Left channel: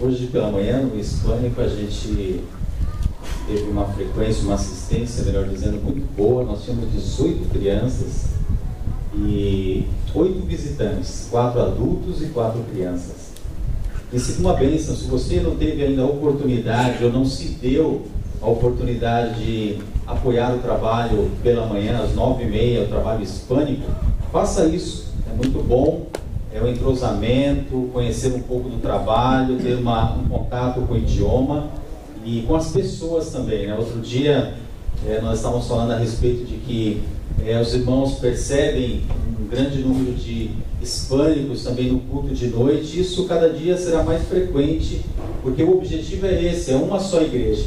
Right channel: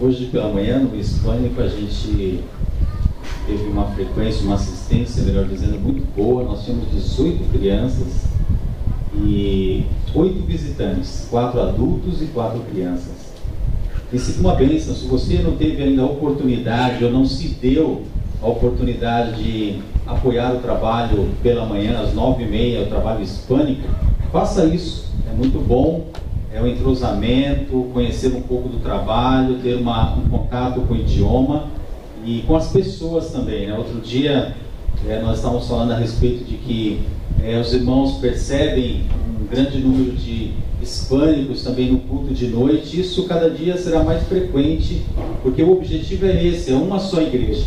Hoje pela manhã, no Hispânico, a gente teve uma frequência, uma assistência, melhor dizendo, muito boa. Nós tínhamos 18 crianças e 8 visitantes, 4 adultos e 4 crianças. Isso é uma bênção. Se você não teve ainda a oportunidade ou não se deu a oportunidade de apoiar o trabalho pela manhã, às 9h30, o trabalho hispânico, faça isso. É muito bom, é um entrosamento, conhecer um pouco do trabalho, ter um contato com o idioma e com as pessoas também, né? Outro dia nós estávamos falando a respeito de que os irmãos percebem um grande número de hispânicos também no culto de noite. Isso cada dia será mais frequente, porque o objetivo é esse, é uma só igreja.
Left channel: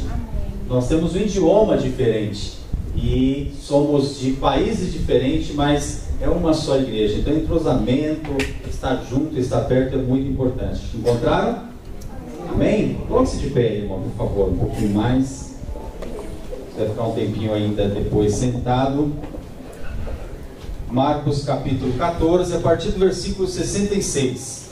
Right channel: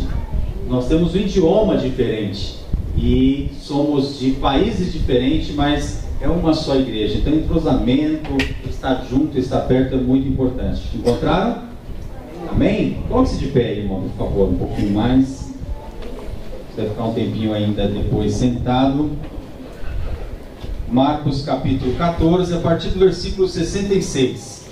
Nós temos um idioma diferente e somos de países diferentes, mas é uma só igreja. Então, entrosamento, estar junto, estar perto é muito importante. Encontraram? Amém? Coloque-se de pé, irmão, por favor, um pouquinho mais. Vai ficar um tempinho ainda depois sentado. Marcos capítulo 14, a partir do versículo 66.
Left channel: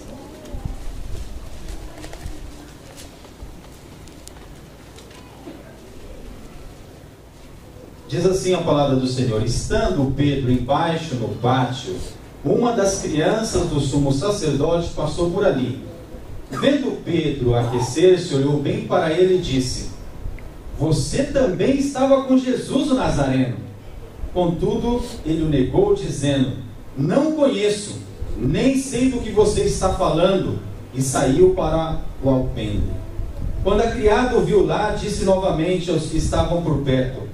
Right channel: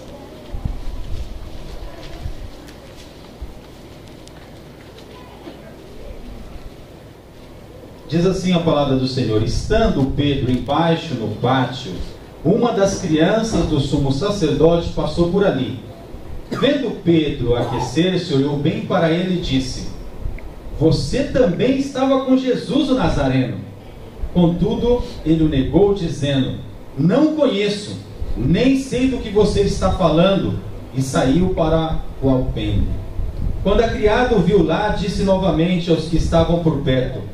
Diz assim a palavra do Senhor: estando Pedro embaixo no pátio, uma das crianças do sumo sacerdote passou por ali. Vendo Pedro aquecer-se, olhou bem para ele e disse: você também estava com Jesus o Nazareno. Contudo, ele o negou, dizendo: não conheço, nem sei do que você está falando, e saiu para o alpendre. Quando a criada o viu lá, disse novamente aos que estavam por perto:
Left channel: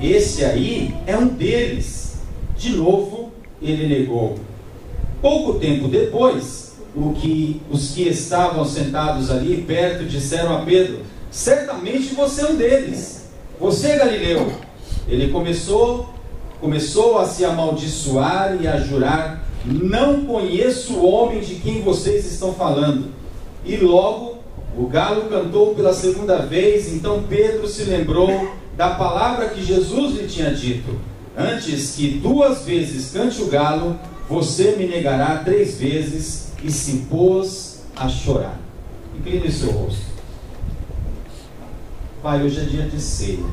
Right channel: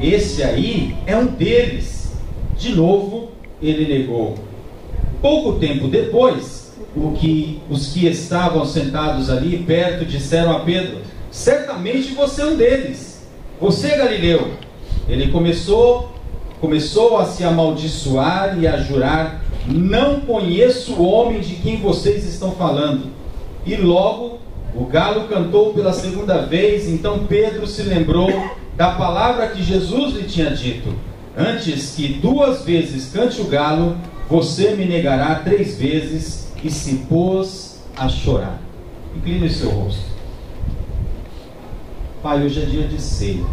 esse aí é um deles. De novo, ele negou. Pouco tempo depois, os que estavam sentados ali perto disseram a Pedro: certamente você é um deles. Você, Galileu. Ele começou a se amaldiçoar e a jurar: não conheço o homem de quem vocês estão falando. E logo o galo cantou pela segunda vez. Então Pedro se lembrou da palavra que Jesus lhe tinha dito: antes que 2 vezes cante o galo, você me negará 3 vezes. E se pôs a chorar. Incline o seu rosto. Pai, hoje é dia de ceia.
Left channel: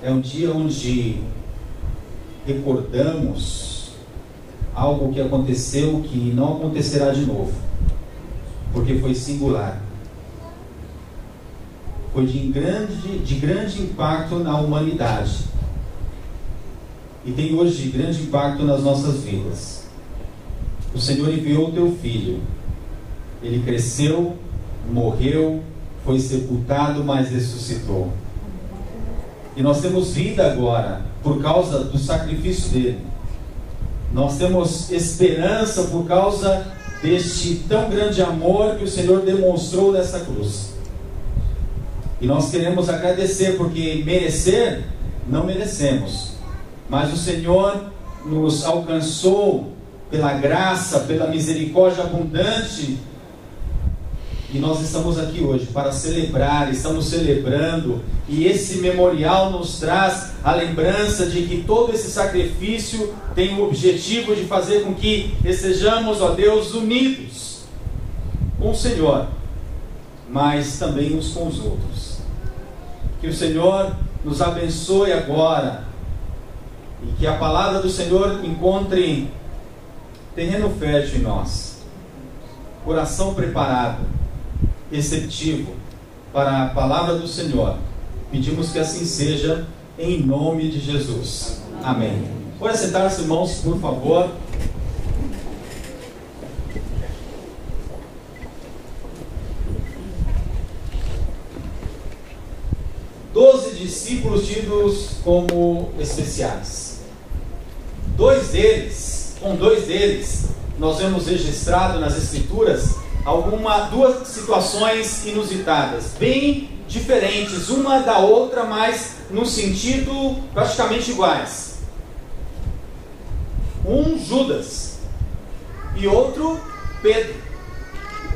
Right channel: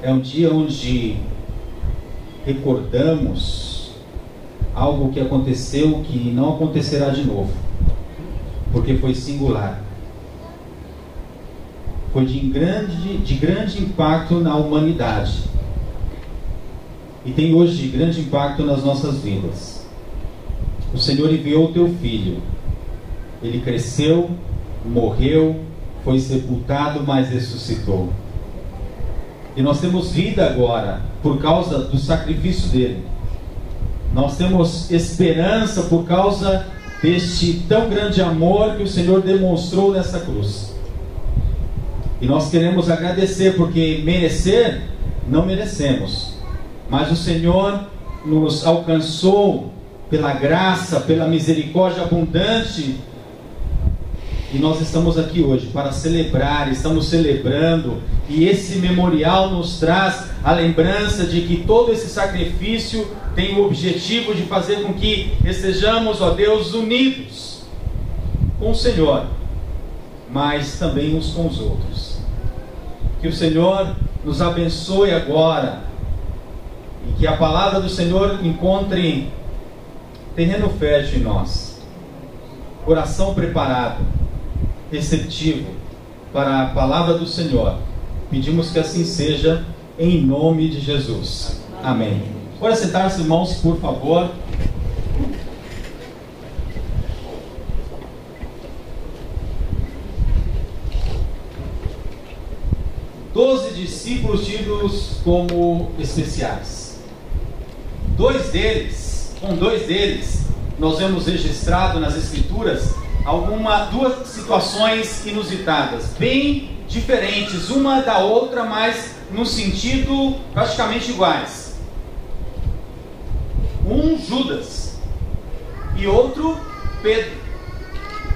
É um dia onde recordamos algo que aconteceu, que não acontecerá de novo, porque foi singular. Foi de grande impacto na humanidade. E tem hoje de grande impacto nas nossas vidas. O Senhor enviou o teu filho. Ele cresceu, morreu, foi sepultado, mas ressuscitou. E nós temos vida agora por causa do sacrifício dele. Nós temos esperança por causa deste tão grande amor que o Senhor demonstrou nessa cruz. E nós queremos agradecer, porque merecer, não merecemos. Mas o Senhor nos alcançou pela graça, pela misericórdia abundante. E nós estamos aqui hoje para celebrar, estamos celebrando. E esse memorial nos traz a lembrança de que todo esse sacrifício tem o objetivo de fazer com que estejamos, ó Deus, unidos com o Senhor, mas também uns com os outros. Que o Senhor nos abençoe agora e que a palavra do Senhor encontre terreno fértil em nós, coração preparado, receptivo para a palavra do Senhor. Pedimos que assim seja, em nome de Jesus. Amém. Pode sentar-se, irmãos, por favor. Doze discípulos tidos como especiais. Com dois deles, nós vemos registrado nas Escrituras duas situações inusitadas, bem diferentes uma da outra, mas no sentido praticamente iguais. Um, Judas, e outro, Pedro.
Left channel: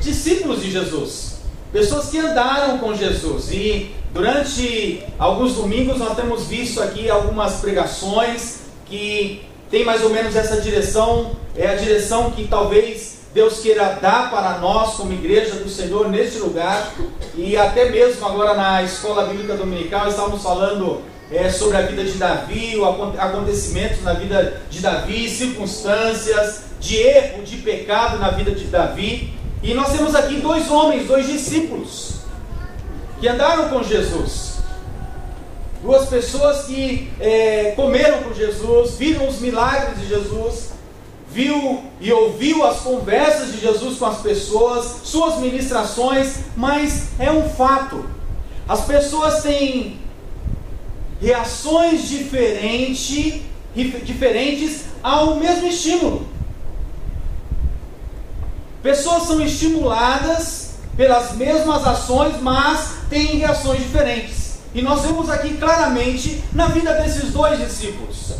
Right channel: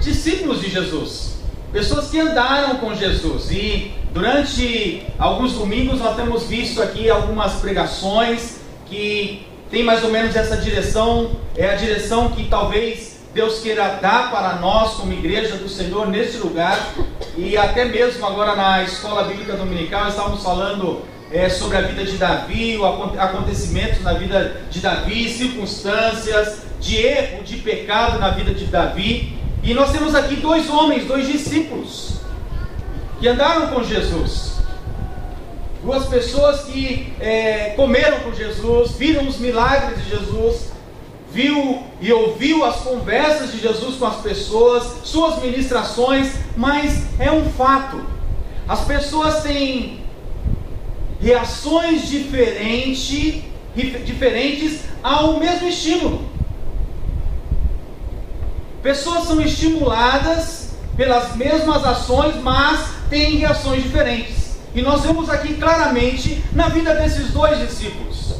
Discípulos de Jesus, pessoas que andaram com Jesus. E durante alguns domingos nós temos visto aqui algumas pregações que tem mais ou menos essa direção. É a direção que talvez Deus queira dar para nós como igreja do Senhor neste lugar. E até mesmo agora na escola bíblica dominical estávamos falando sobre a vida de Davi, acontecimentos na vida de Davi, circunstâncias de erro, de pecado na vida de Davi. E nós temos aqui dois homens, dois discípulos que andaram com Jesus, duas pessoas que comeram com Jesus, viram os milagres de Jesus, viu e ouviu as conversas de Jesus com as pessoas, suas ministrações. Mas é um fato, as pessoas têm reações diferentes ao mesmo estímulo. Pessoas são estimuladas pelas mesmas ações, mas têm reações diferentes. E nós vemos aqui claramente na vida desses dois discípulos.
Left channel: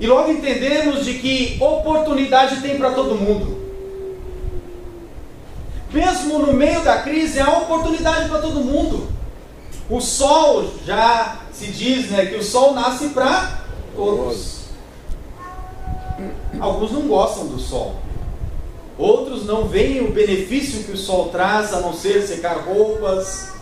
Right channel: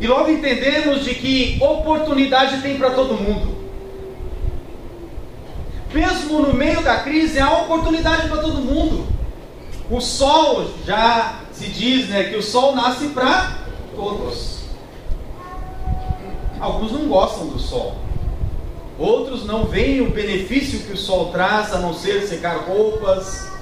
E logo entendemos de que oportunidade tem para todo mundo. Mesmo no meio da crise, há oportunidade para todo mundo. O sol, já se diz, que o sol nasce para todos. Alguns não gostam do sol. Outros não veem o benefício que o sol traz, a não ser secar roupas,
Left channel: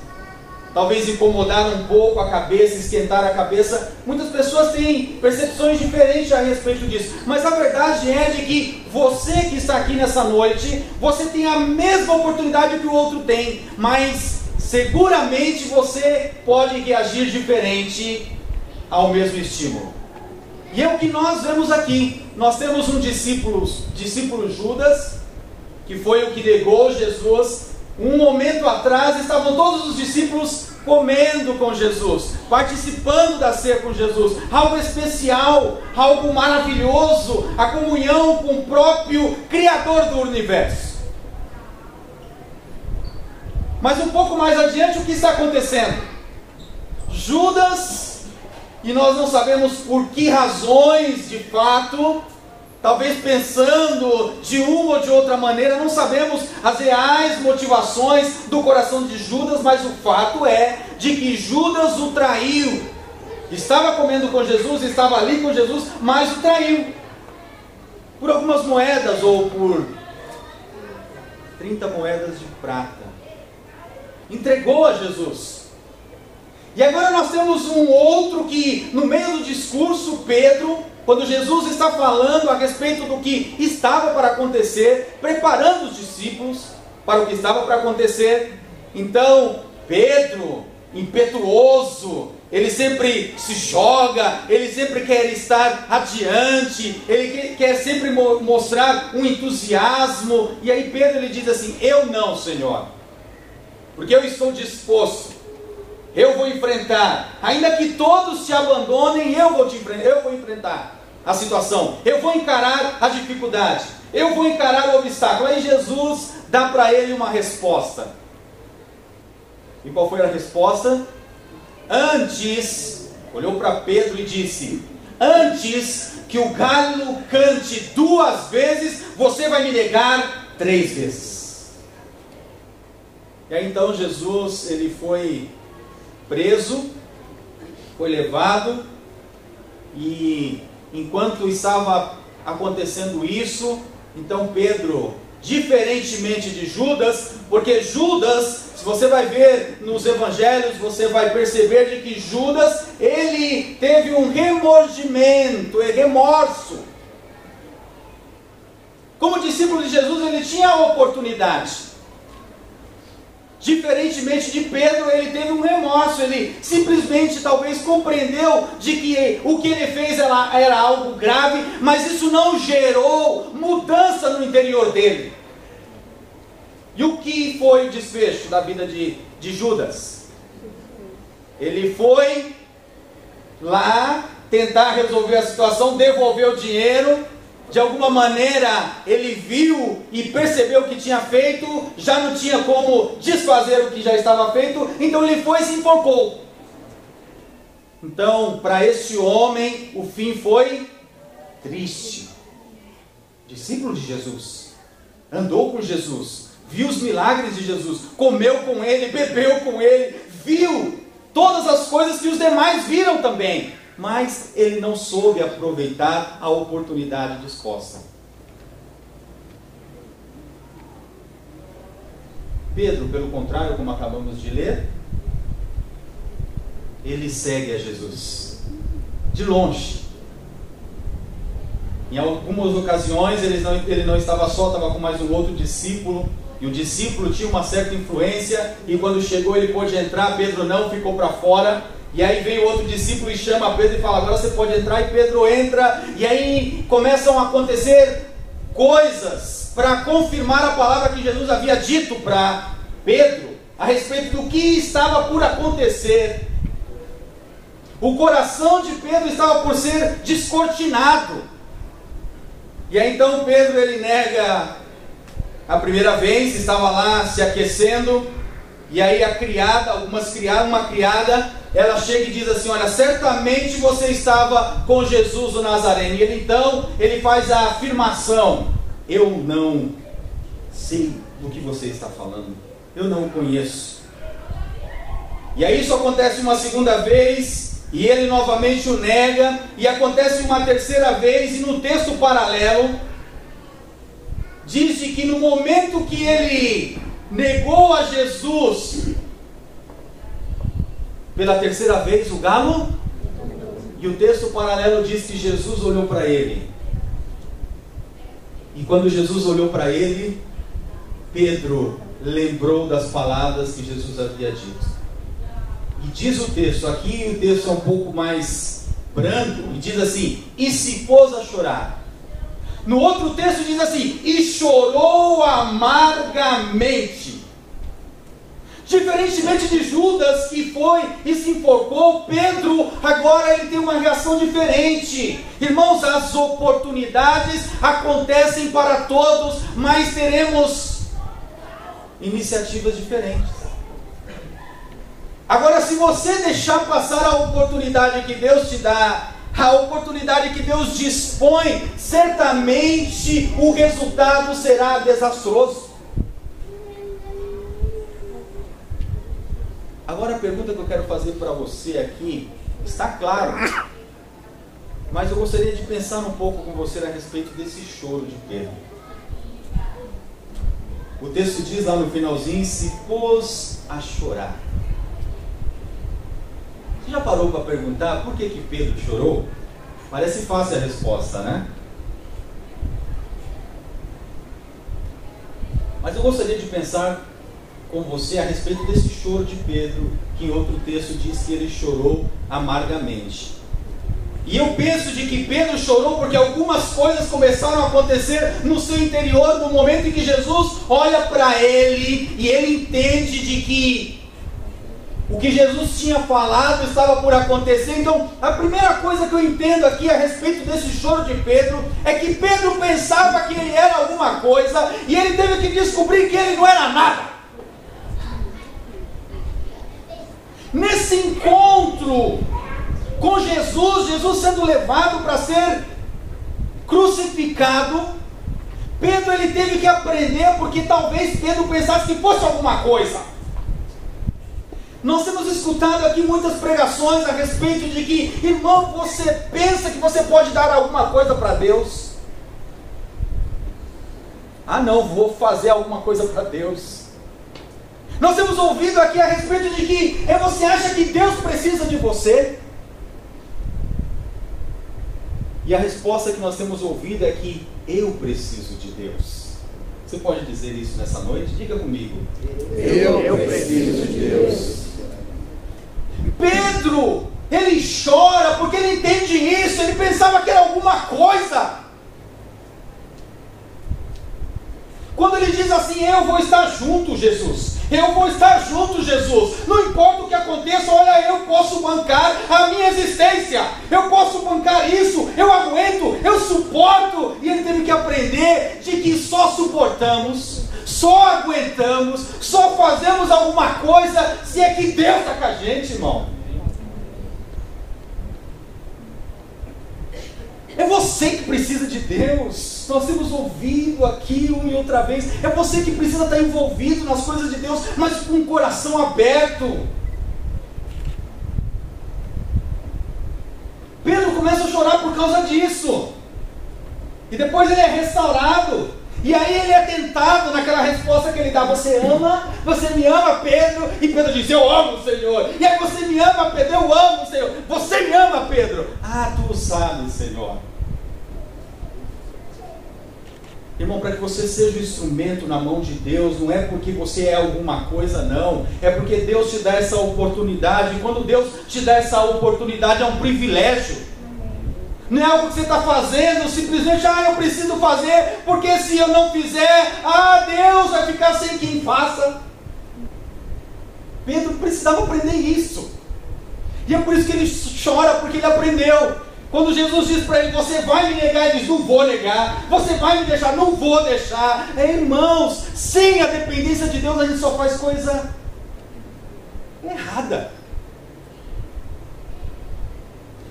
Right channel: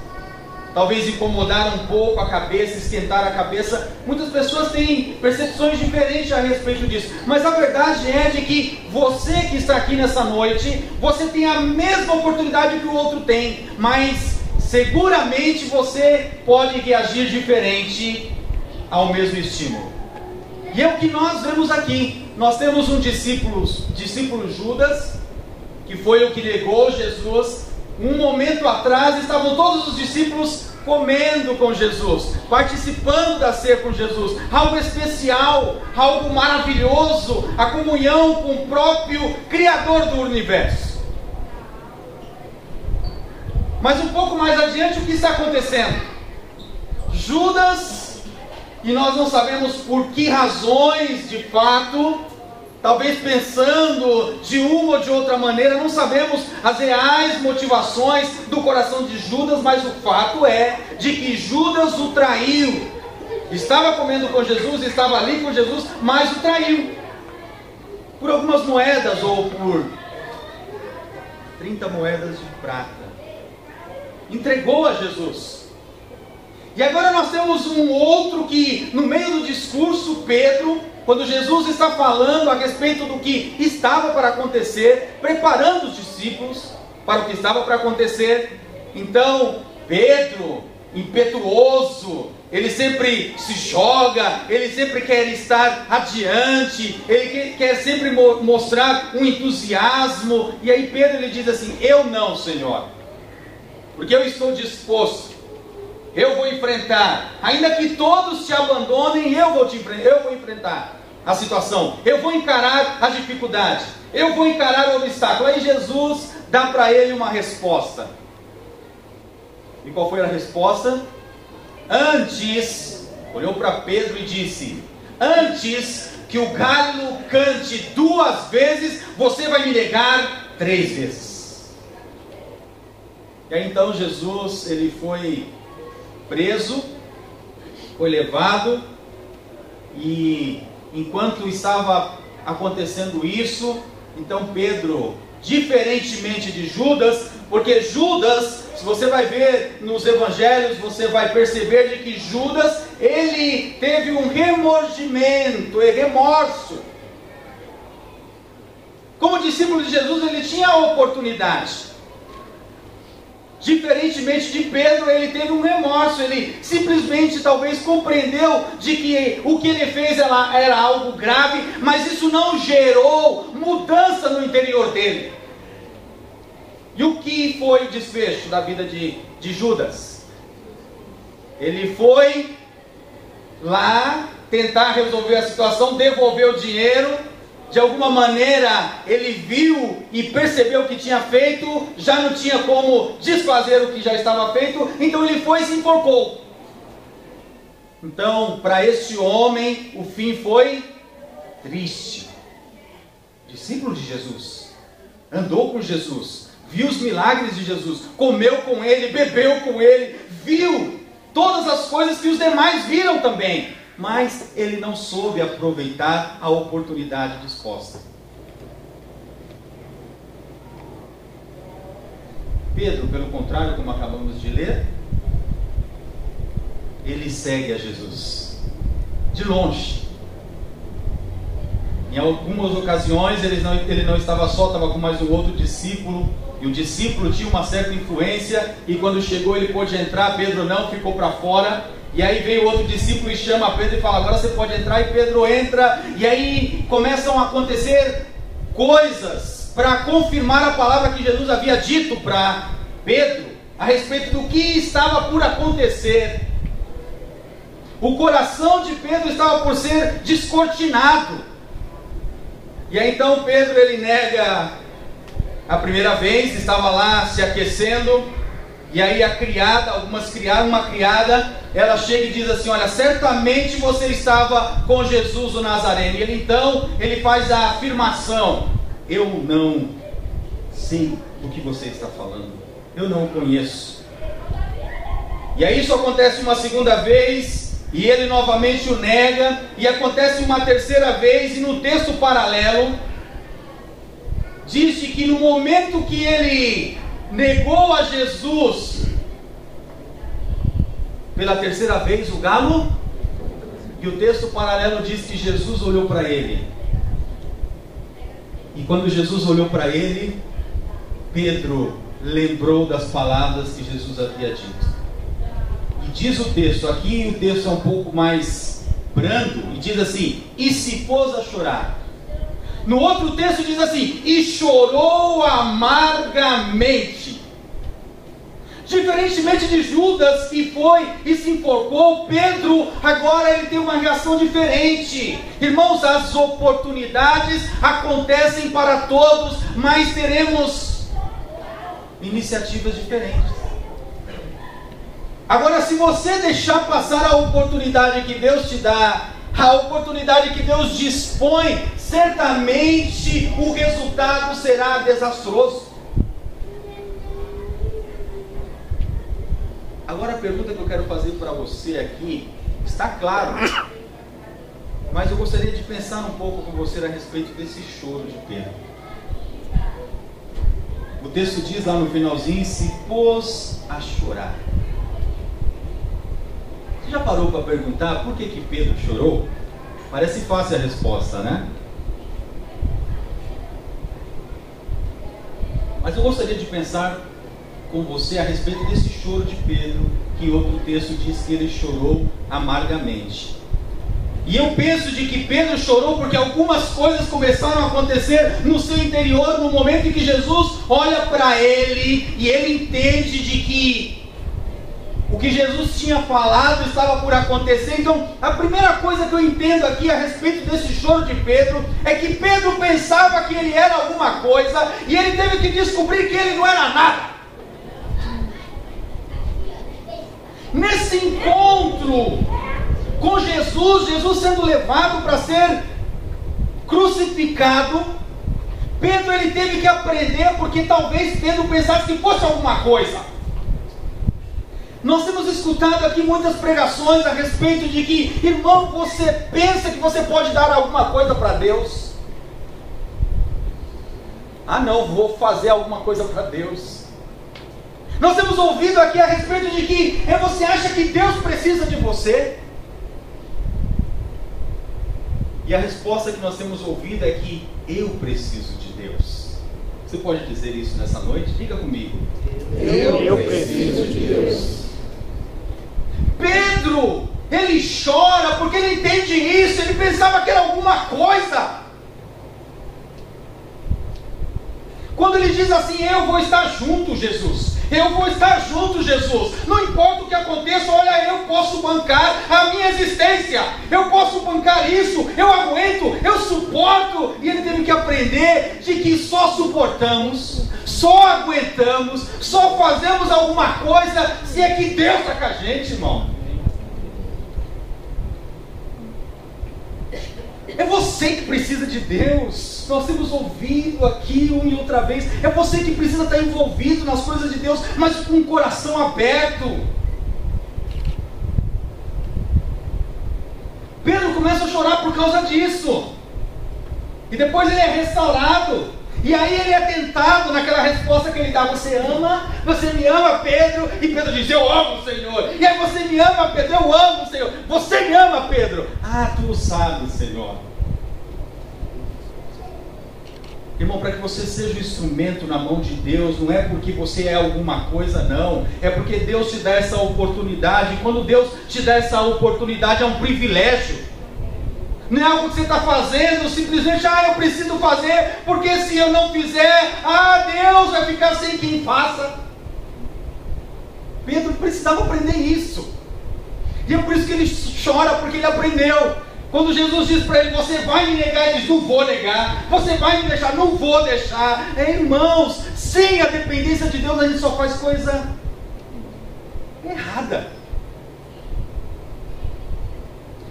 talvez incomodar um pouco a cabeça, esquentar a cabeça. Muitas pessoas têm percepções diferentes a respeito disso. Mas a verdade é de que você que está aqui nessa noite, você tem a mesma oportunidade que o outro tem, mas seguramente você pode reagir diferente ao mesmo estímulo. E é o que nós vemos aqui. Nós temos um discípulo Judas, que foi o que negou Jesus. Um momento atrás estavam todos os discípulos comendo com Jesus, participando da ceia com Jesus, algo especial, algo maravilhoso, a comunhão com o próprio Criador do universo. Mas um pouco mais adiante, o que está acontecendo? Judas, e nós não sabemos por que razões de fato, talvez pensando de uma ou de outra maneira, não sabemos as reais motivações do coração de Judas, mas o fato é de que Judas o traiu. Estava comendo com Jesus, estava ali com Jesus, mas o traiu. Por algumas moedas, ou por 30 moedas de prata. Entregou a Jesus. E agora nós temos um outro que, no meio do discurso, Pedro, quando Jesus está falando a respeito do que estava para acontecer, preparando os discípulos para o que estava para acontecer, então Pedro, impetuoso, ele sempre se joga, ele sempre quer estar adiante, ele quer sempre mostrar um entusiasmo. E aí Pedro ele diz assim: eu não, Senhor, porque eu estou disposto, eu vou enfrentar, ainda que todos te abandonem, eu vou enfrentar a situação, eu vou encarar a dificuldade, eu vou encarar o obstáculo. Aí Jesus dá para ele uma resposta. E qual foi a resposta? Antes, olhou para Pedro e disse: antes que o galo cante 2 vezes, você vai me negar 3 vezes. E aí então Jesus, ele foi preso, foi levado, e enquanto estava acontecendo isso, então Pedro, diferentemente de Judas, porque Judas, se você vai ver nos evangelhos, você vai perceber de que Judas, ele teve um remordimento, remorso. Como discípulo de Jesus, ele tinha a oportunidade. Diferentemente de Pedro, ele teve um remorso, ele simplesmente talvez compreendeu de que o que ele fez era algo grave, mas isso não gerou mudança no interior dele. E o que foi o desfecho da vida de Judas? Ele foi lá tentar resolver a situação, devolver o dinheiro. De alguma maneira ele viu e percebeu o que tinha feito, já não tinha como desfazer o que já estava feito, então ele foi e se enforcou. Então, para este homem, o fim foi triste. Discípulo de Jesus, andou com Jesus, viu os milagres de Jesus, comeu com ele, bebeu com ele, viu todas as coisas que os demais viram também. mas ele não soube aproveitar a oportunidade disposta. Pedro, pelo contrário, como acabamos de ler, ele segue a Jesus, de longe. Em algumas ocasiões ele não estava só, estava com mais um outro discípulo, e o discípulo tinha uma certa influência, e quando chegou ele pôde entrar, Pedro não, ficou para fora. E aí veio outro discípulo e chama Pedro e fala: agora você pode entrar. E Pedro entra, e aí começam a acontecer coisas para confirmar a palavra que Jesus havia dito para Pedro a respeito do que estava por acontecer. O coração de Pedro estava por ser descortinado. E aí então Pedro, ele nega a primeira vez, estava lá se aquecendo, e aí uma criada, ela chega e diz assim: olha, certamente você estava com Jesus o Nazareno. E ele faz a afirmação: eu não sei do que você está falando, eu não o conheço. E aí isso acontece uma segunda vez, e ele novamente o nega, e acontece uma terceira vez, e no texto paralelo diz que no momento que ele negou a Jesus pela terceira vez, o galo, e o texto paralelo diz que Jesus olhou para ele. E quando Jesus olhou para ele, Pedro lembrou das palavras que Jesus havia dito. E diz o texto, aqui o texto é um pouco mais brando, e diz assim: e se pôs a chorar. No outro texto diz assim: e chorou amargamente. Diferentemente de Judas, que foi e se enforcou, Pedro agora ele tem uma reação diferente. Irmãos, as oportunidades acontecem para todos, mas teremos iniciativas diferentes. Agora, se você deixar passar a oportunidade que Deus te dá, a oportunidade que Deus dispõe, certamente o resultado será desastroso. Agora a pergunta que eu quero fazer para você aqui, está claro, mas eu gostaria de pensar um pouco com você a respeito desse choro de Pedro. O texto diz lá no finalzinho: se pôs a chorar. Você já parou para perguntar por que Pedro chorou? Parece fácil a resposta, né? Mas eu gostaria de pensar com você a respeito desse choro de Pedro, que em outro texto diz que ele chorou amargamente. E eu penso de que Pedro chorou porque algumas coisas começaram a acontecer no seu interior, no momento em que Jesus olha para ele e ele entende de que o que Jesus tinha falado estava por acontecer. Então, a primeira coisa que eu entendo aqui a respeito desse choro de Pedro é que Pedro pensava que ele era alguma coisa e ele teve que descobrir que ele não era nada. Nesse encontro com Jesus, Jesus sendo levado para ser crucificado, Pedro ele teve que aprender, porque talvez Pedro pensasse que fosse alguma coisa. Nós temos escutado aqui muitas pregações a respeito de que, irmão, você pensa que você pode dar alguma coisa para Deus? Ah não, vou fazer alguma coisa para Deus. Nós temos ouvido aqui a respeito de que você acha que Deus precisa de você? E a resposta que nós temos ouvido é que eu preciso de Deus. Você pode dizer isso nessa noite? Diga comigo. Eu preciso de Deus. Pedro, ele chora porque ele entende isso. Ele pensava que era alguma coisa. Quando ele diz assim: eu vou estar junto, Jesus. Eu vou estar junto, Jesus. Não importa o que aconteça, olha, eu posso bancar a minha existência. Eu posso bancar isso. Eu aguento, eu suporto. E ele teve que aprender de que só suportamos, só aguentamos, só fazemos alguma coisa se é que Deus está com a gente, irmão. É você que precisa de Deus. Nós temos ouvido aqui uma e outra vez. É você que precisa estar envolvido nas coisas de Deus, mas com o coração aberto. começa a chorar por causa disso. E depois ele é restaurado. E aí ele é tentado naquela resposta que ele dá: você ama? Você me ama, Pedro? E Pedro diz: eu amo o Senhor. E aí: você me ama, Pedro? Eu amo o Senhor. Você me ama, Pedro? Ah, tu o sabes, Senhor. Irmão, para que você seja um instrumento na mão de Deus, não é porque você é alguma coisa, não. É porque Deus te dá essa oportunidade. E quando Deus te dá essa oportunidade, é um privilégio. Não é algo que você está fazendo simplesmente: eu preciso fazer, porque se eu não fizer, Deus vai ficar sem quem faça. Pedro precisava aprender isso. E é por isso que ele chora, porque ele aprendeu. Quando Jesus diz para ele: você vai me negar, ele diz: não vou negar. Você vai me deixar? Não vou deixar. Irmãos, sem a dependência de Deus, a gente só faz coisa errada.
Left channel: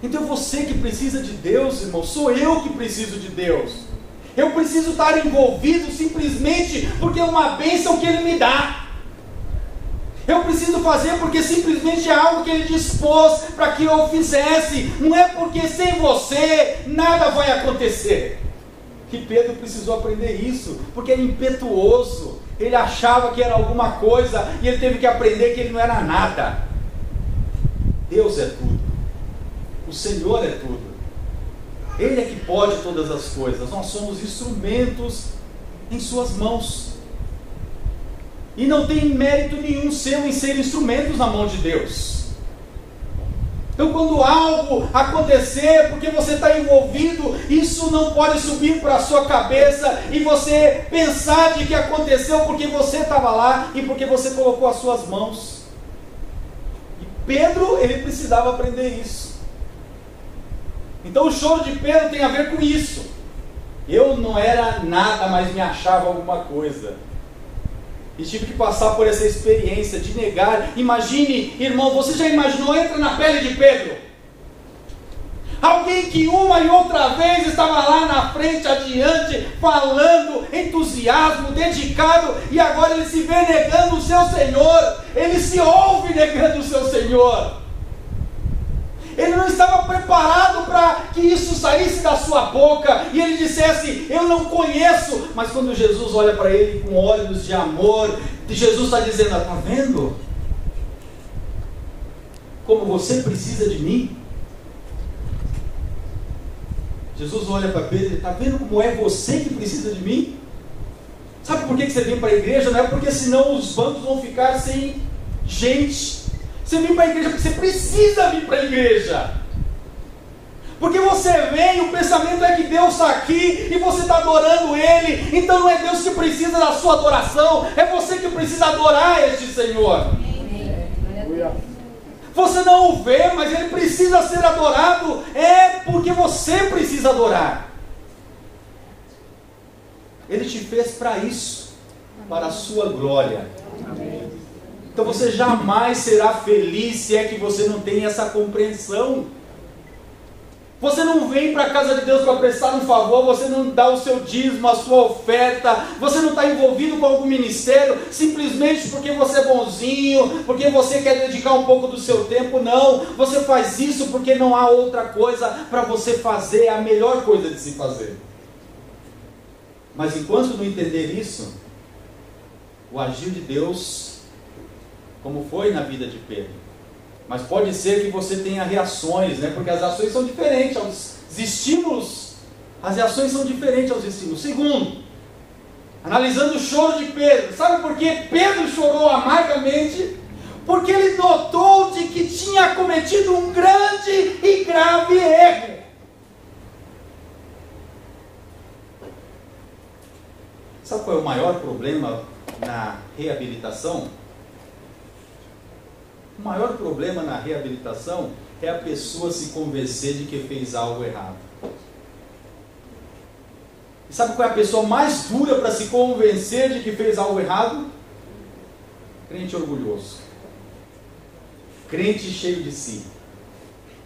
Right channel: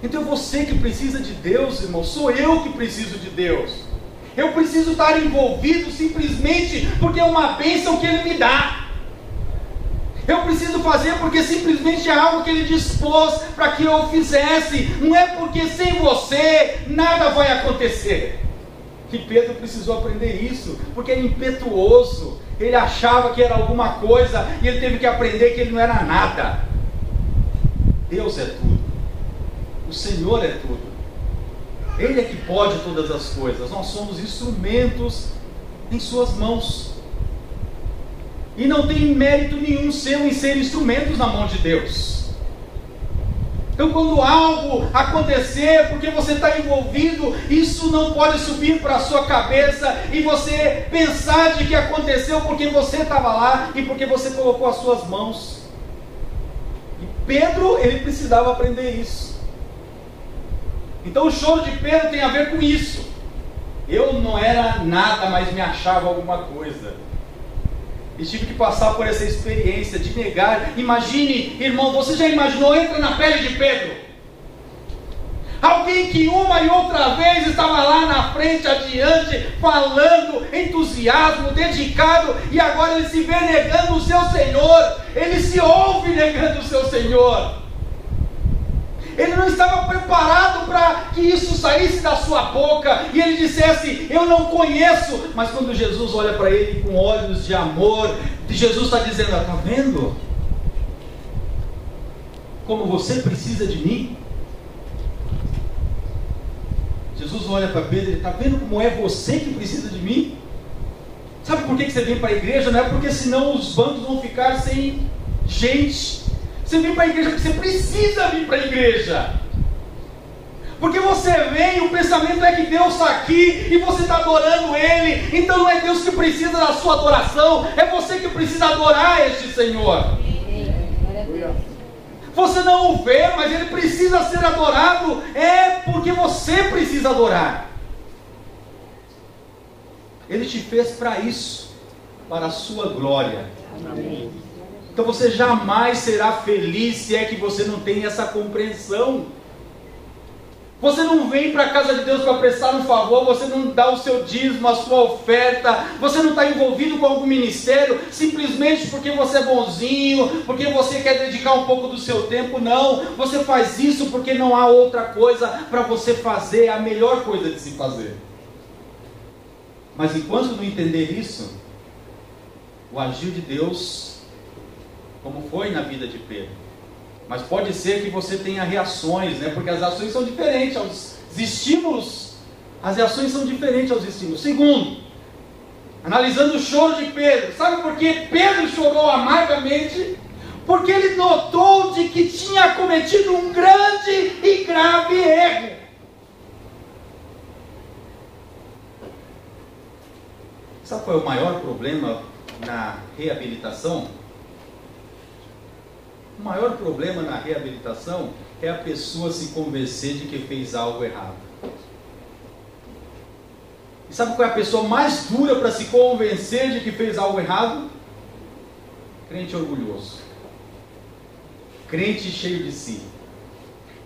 Então é você que precisa de Deus, irmão. Sou eu que preciso de Deus. Eu preciso estar envolvido simplesmente porque é uma bênção que Ele me dá. Eu preciso fazer porque simplesmente é algo que Ele dispôs para que eu fizesse. Não é porque sem você nada vai acontecer. E Pedro precisou aprender isso, porque era impetuoso. Ele achava que era alguma coisa e ele teve que aprender que ele não era nada. Deus é tudo. O Senhor é tudo. Ele é que pode todas as coisas. Nós somos instrumentos em suas mãos. E não tem mérito nenhum seu em ser instrumentos na mão de Deus. Então, quando algo acontecer, porque você está envolvido, isso não pode subir para a sua cabeça e você pensar de que aconteceu porque você estava lá e porque você colocou as suas mãos. E Pedro, ele precisava aprender isso. Então o choro de Pedro tem a ver com isso. Eu não era nada, mas me achava alguma coisa. E tive que passar por essa experiência de negar. Imagine, irmão, você já imaginou? Entra na pele de Pedro. Alguém que uma e outra vez estava lá na frente, adiante, falando, entusiasmo, dedicado, e agora ele se vê negando o seu Senhor. Ele se ouve negando o seu Senhor. Ele não estava preparado para que isso saísse da sua boca e ele dissesse: eu não conheço. Mas quando Jesus olha para ele com olhos de amor, Jesus está dizendo: está vendo como você precisa de mim? Jesus olha para Pedro e está vendo como é você que precisa de mim? Sabe por que você vem para a igreja? Não é porque senão os bancos vão ficar sem gente. Você vem para a igreja porque você precisa vir para a igreja. Porque você vem, o pensamento é que Deus está aqui e você está adorando Ele. Então não é Deus que precisa da sua adoração, é você que precisa adorar este Senhor. Você não o vê, mas Ele precisa ser adorado. É porque você precisa adorar. Ele te fez para isso, para a sua glória. Amém. Então você jamais será feliz se é que você não tem essa compreensão. Você não vem para a casa de Deus para prestar um favor, você não dá o seu dízimo, a sua oferta, você não está envolvido com algum ministério, simplesmente porque você é bonzinho, porque você quer dedicar um pouco do seu tempo. Não, você faz isso porque não há outra coisa para você fazer, é a melhor coisa de se fazer. Mas enquanto não entender isso, o agir de Deus, como foi na vida de Pedro. Mas pode ser que você tenha reações, né? Porque as ações são diferentes aos estímulos. As reações são diferentes aos estímulos. Segundo, analisando o choro de Pedro. Sabe por que Pedro chorou amargamente? Porque ele notou de que tinha cometido um grande e grave erro. Sabe qual é o maior problema na reabilitação? O maior problema na reabilitação é a pessoa se convencer de que fez algo errado. E sabe qual é a pessoa mais dura para se convencer de que fez algo errado? Crente orgulhoso. Crente cheio de si.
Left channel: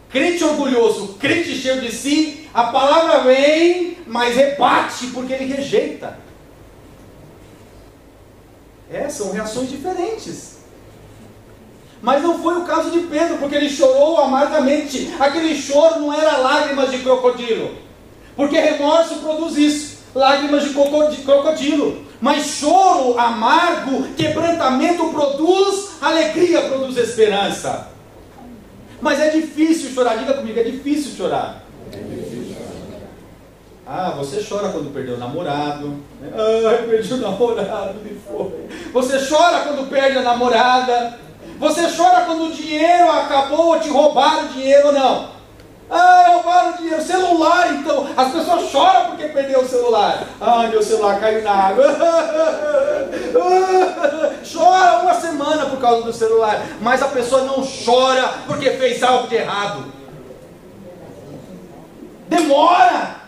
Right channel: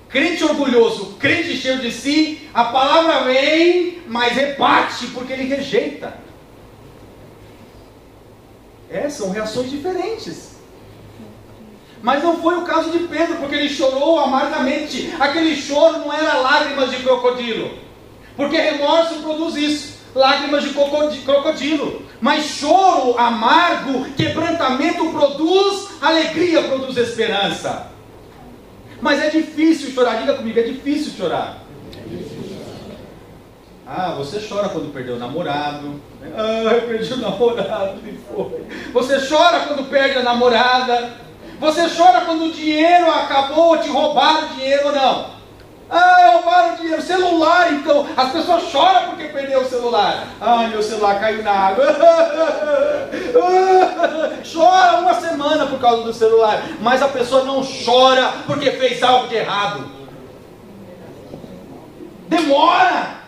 Crente orgulhoso, crente cheio de si, a palavra vem, mas rebate, porque ele rejeita. São reações diferentes. Mas não foi o caso de Pedro, porque ele chorou amargamente. Aquele choro não era lágrimas de crocodilo, porque remorso produz isso, lágrimas de crocodilo. Mas choro amargo, quebrantamento produz alegria, produz esperança. Mas é difícil chorar, diga comigo, é difícil chorar. Ah, você chora quando perdeu o namorado. Ah, eu perdi o namorado, me foi. Você chora quando perde a namorada. Você chora quando o dinheiro acabou, te roubaram o dinheiro ou não? Ah, roubaram o dinheiro. Celular, então. As pessoas choram porque perdeu o celular. Ah, meu celular caiu na água. Chora uma semana por causa do celular. Mas a pessoa não chora porque fez algo de errado. Demora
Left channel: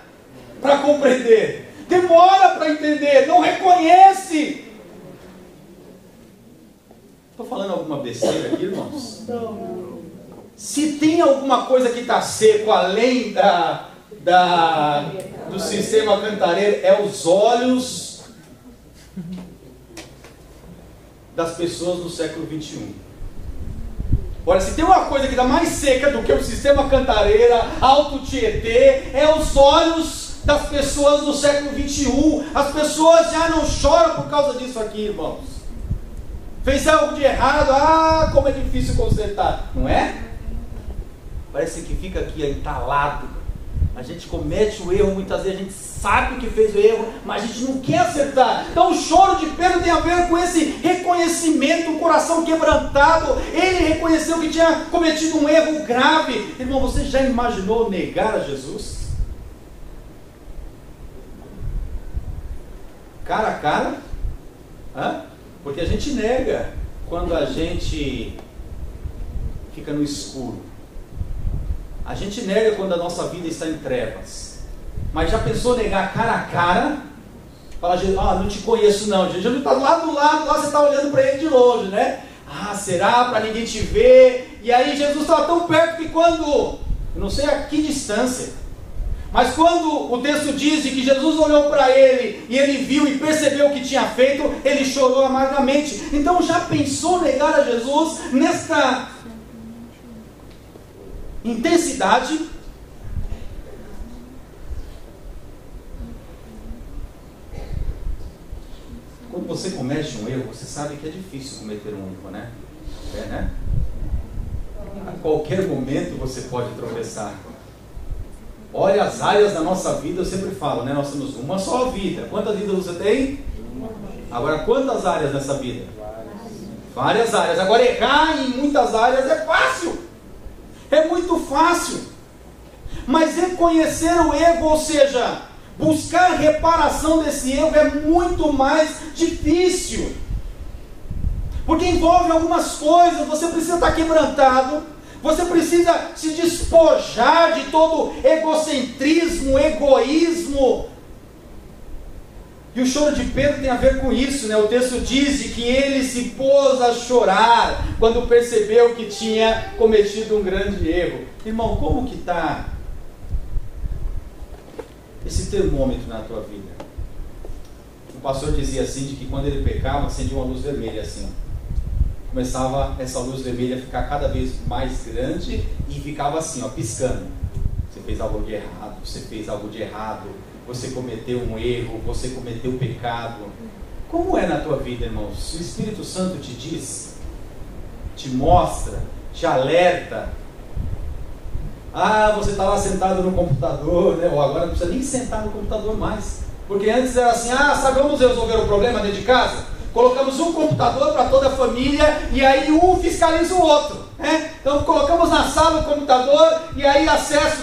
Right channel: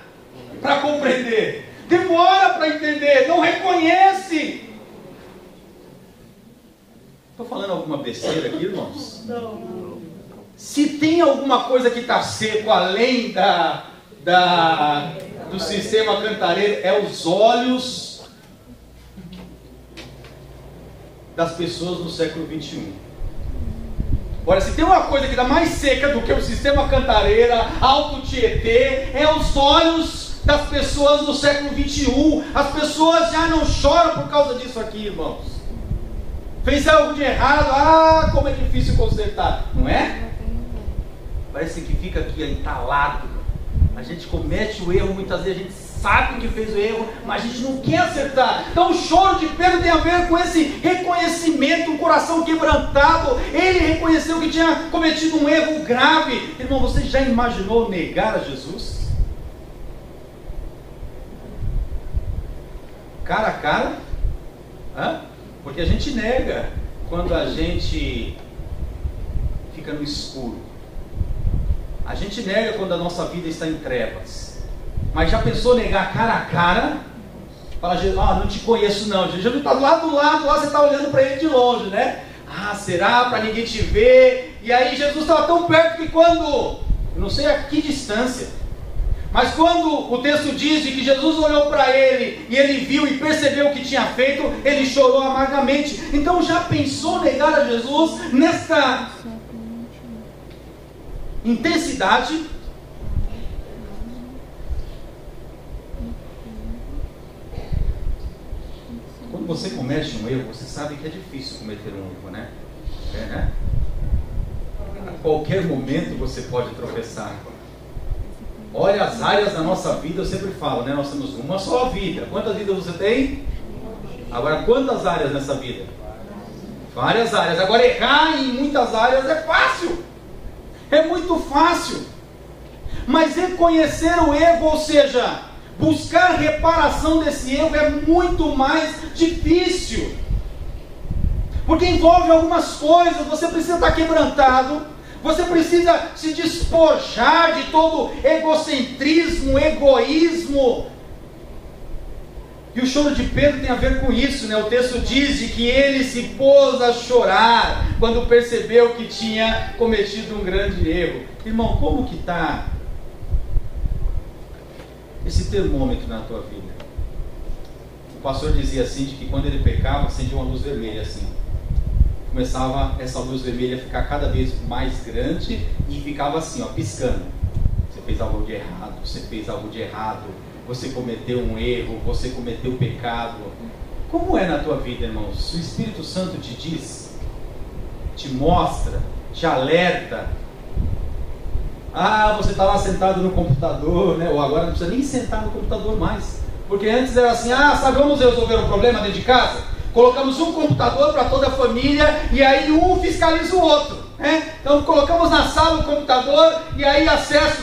para compreender, demora para entender, não reconhece. Estou falando alguma besteira aqui, irmãos? Não. Se tem alguma coisa que está seco além do sistema Cantareira, é os olhos das pessoas do século 21. Olha, se tem uma coisa que está mais seca do que o sistema Cantareira, Alto Tietê, é os olhos das pessoas do século 21. As pessoas já não choram por causa disso aqui, irmãos. Fez algo de errado, ah, como é difícil consertar, não é? Parece que fica aqui entalado. A gente comete o erro, muitas vezes a gente sabe que fez o erro, mas a gente não quer acertar. Então o choro de Pedro tem a ver com esse reconhecimento, um coração quebrantado. Ele reconheceu que tinha cometido um erro grave. Irmão, você já imaginou negar a Jesus? Cara a cara? Hã? Porque a gente nega quando a gente fica no escuro. A gente nega quando a nossa vida está em trevas. Mas já pensou negar cara a cara? Fala, Jesus, não te conheço não. Jesus está do lado, lá você está olhando para ele de longe, né? Ah, será? Para ninguém te ver. E aí Jesus estava tão perto que quando, eu não sei a que distância, mas quando o texto diz de que Jesus olhou para ele e ele viu e percebeu o que tinha feito, ele chorou amargamente. Então já pensou negar a Jesus nesta intensidade? Quando você comete um erro, você sabe que é difícil cometer um erro, né? Né? A qualquer momento você pode tropeçar. Olha, as áreas da nossa vida, eu sempre falo, né? Nós temos uma só vida. Quantas vidas você tem? Agora, quantas áreas nessa vida? Várias áreas. Agora, errar em muitas áreas é fácil. É muito fácil. Mas reconhecer o erro, ou seja, buscar reparação desse erro é muito mais difícil. Porque envolve algumas coisas. Você precisa estar quebrantado. Você precisa se despojar de todo egocentrismo, egoísmo. E o choro de Pedro tem a ver com isso, né? O texto diz de que ele se pôs a chorar quando percebeu que tinha cometido um grande erro. Irmão, como que está esse termômetro na tua vida? O pastor dizia assim, de que quando ele pecava, acendia uma luz vermelha assim. Começava essa luz vermelha a ficar cada vez mais grande e ficava assim, ó, piscando. Você fez algo de errado, você fez algo de errado, você cometeu um erro, você cometeu pecado. Como é na tua vida, irmãos? O Espírito Santo te diz, te mostra, te alerta. Ah, você está lá sentado no computador, né? Ou agora não precisa nem sentar no computador mais. Porque antes era assim, sabe, vamos resolver o problema dentro de casa? Colocamos um computador para toda a família e aí um fiscaliza o outro, né? Então colocamos na sala o computador e aí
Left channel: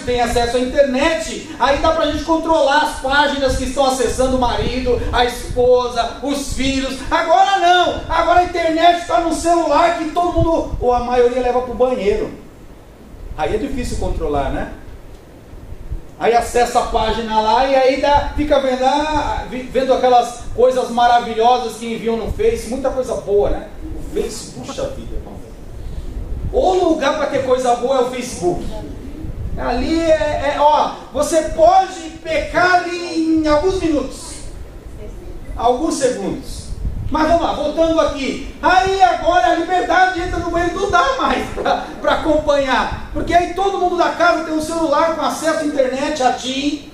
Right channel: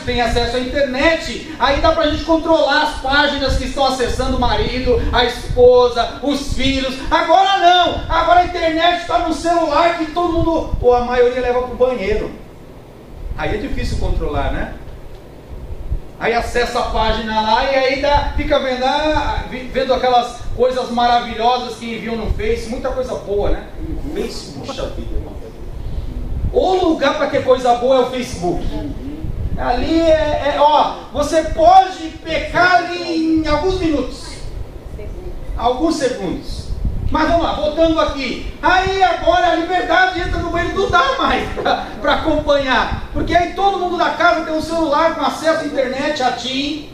tem acesso à internet, aí dá para a gente controlar as páginas que estão acessando o marido, a esposa, os filhos. Agora não, agora a internet está no celular que todo mundo, ou a maioria leva para o banheiro. Aí é difícil controlar, né? Aí acessa a página lá e aí fica vendo aquelas coisas maravilhosas que enviam no Face, muita coisa boa, né? O Face, puxa vida, irmão. O lugar para ter coisa boa é o Facebook. Ali você pode pecar em alguns minutos, alguns segundos. Mas vamos lá, voltando aqui. Aí agora a liberdade entra no meio, não dá mais para acompanhar. Porque aí todo mundo da casa tem um celular com acesso à internet. A TIM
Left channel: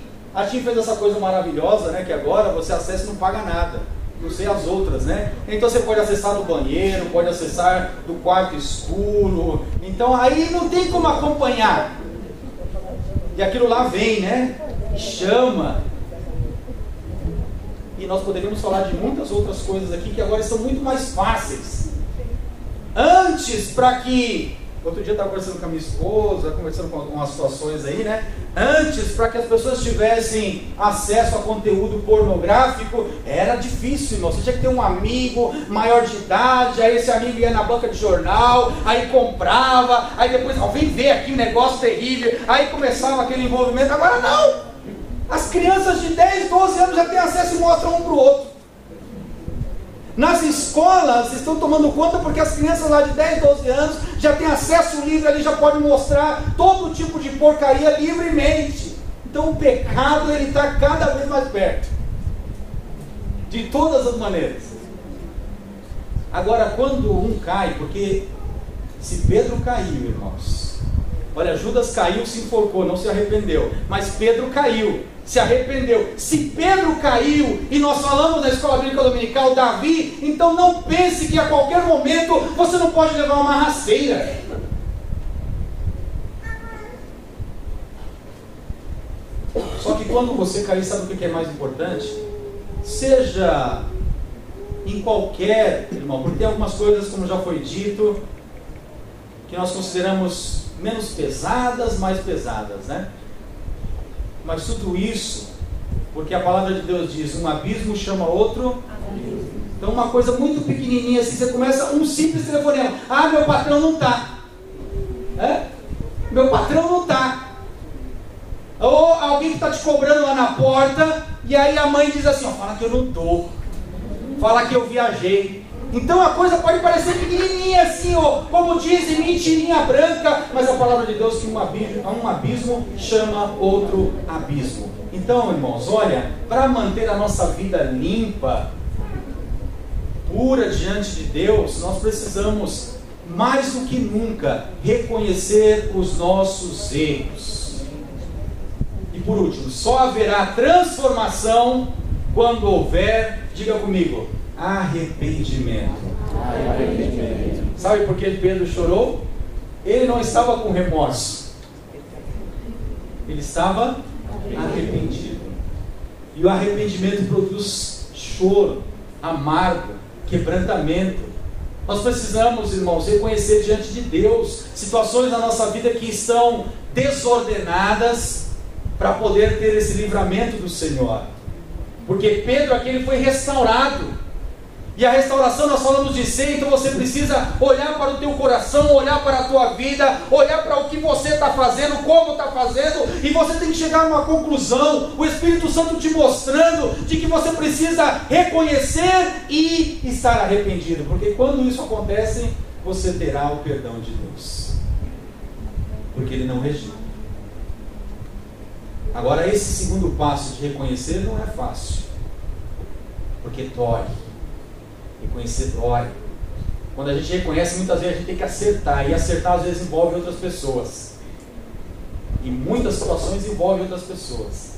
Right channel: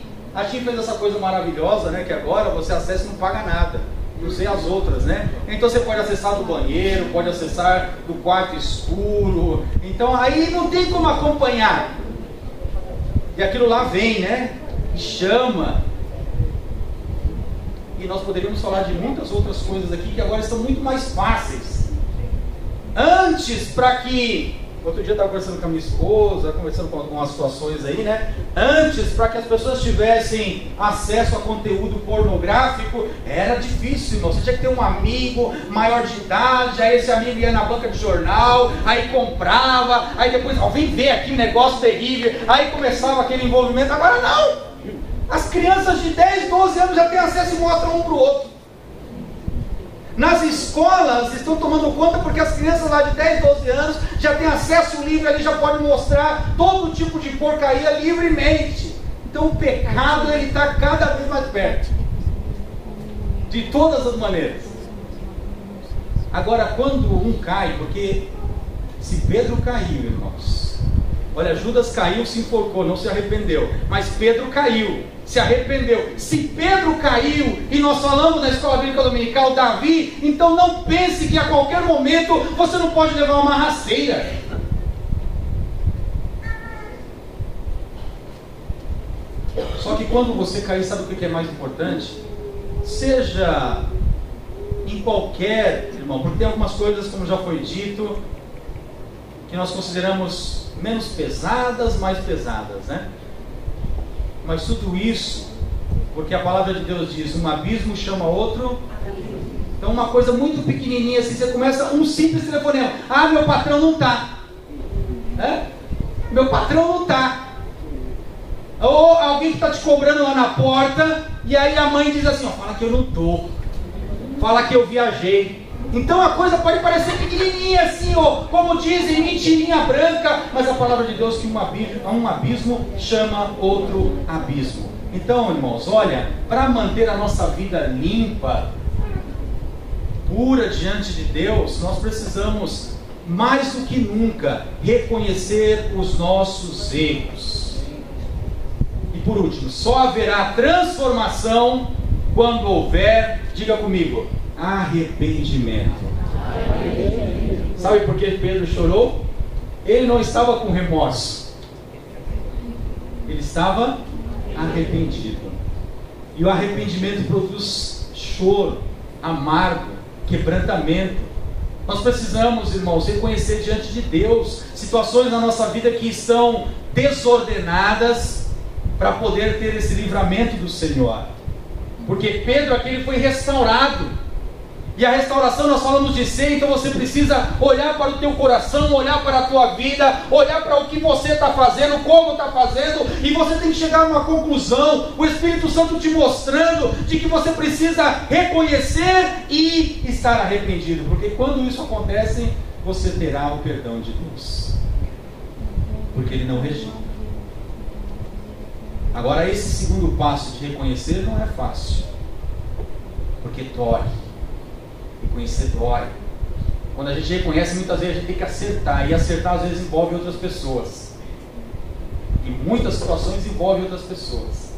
fez essa coisa maravilhosa, né? Que agora você acessa e não paga nada. Não sei as outras, né? Então você pode acessar do banheiro, pode acessar do quarto escuro. Então aí não tem como acompanhar. E aquilo lá vem, né? Chama. E nós poderíamos falar de muitas outras coisas aqui que agora estão muito mais fáceis. Antes, para que... Outro dia eu estava conversando com a minha esposa, conversando com algumas situações aí, né? Antes, para que as pessoas tivessem acesso a conteúdo pornográfico, era difícil, irmão. Você tinha que ter um amigo maior de idade, aí esse amigo ia na banca de jornal, aí comprava, aí depois, vem ver aqui um negócio terrível, aí começava aquele envolvimento. Agora não! As crianças de 10, 12 anos já têm acesso e mostram um para o outro. Nas escolas estão tomando conta porque as crianças lá de 10, 12 anos já têm acesso livre ali, já podem mostrar todo tipo de porcaria livremente. Então o pecado ele está cada vez mais perto. De todas as maneiras. Agora quando um cai, porque se Pedro caiu, irmãos, olha, Judas caiu, se enforcou, não se arrependeu, mas Pedro caiu, se arrependeu. Se Pedro caiu, e nós falamos na escola bíblica dominical, Davi, então não pense que a qualquer momento você não pode levar uma rasteira. Só que quando você cair, sabe o que é mais importante? Seja em qualquer, irmão, porque tem algumas coisas, como já foi dito, que nós consideramos menos pesadas, mais pesadas, né? Mas tudo isso, porque a palavra de Deus diz, um abismo chama outro. Então uma coisa muito pequenininha assim, você começa um simples telefonema. Meu patrão não está. Meu patrão não está. Ou alguém que está te cobrando lá na porta, e aí a mãe diz assim, fala que eu não estou. Fala que eu viajei. Então a coisa pode parecer pequenininha assim, como dizem, mentirinha branca, mas a palavra de Deus que um abismo chama outro abismo. Então, irmãos, olha, para manter a nossa vida limpa, pura diante de Deus, nós precisamos, mais do que nunca, reconhecer os nossos erros. E por último, só haverá transformação quando houver, diga comigo, arrependimento. Sabe por que Pedro chorou? Ele não estava com remorso, ele estava arrependido. E o arrependimento produz choro, amargo, quebrantamento. Nós precisamos, irmãos, reconhecer diante de Deus situações na nossa vida que estão desordenadas para poder ter esse livramento do Senhor. Porque Pedro aqui ele foi restaurado. E a restauração nós falamos de ser, então você precisa olhar para o teu coração, olhar para a tua vida, olhar para o que você está fazendo, como está fazendo, e você tem que chegar a uma conclusão, o Espírito Santo te mostrando de que você precisa reconhecer e estar arrependido, porque quando isso acontece, você terá o perdão de Deus, porque Ele não rejeita. Agora esse segundo passo de reconhecer não é fácil, porque dói. Reconhecer dói. Quando a gente reconhece, muitas vezes a gente tem que acertar, e acertar às vezes envolve outras pessoas, e muitas situações envolvem outras pessoas,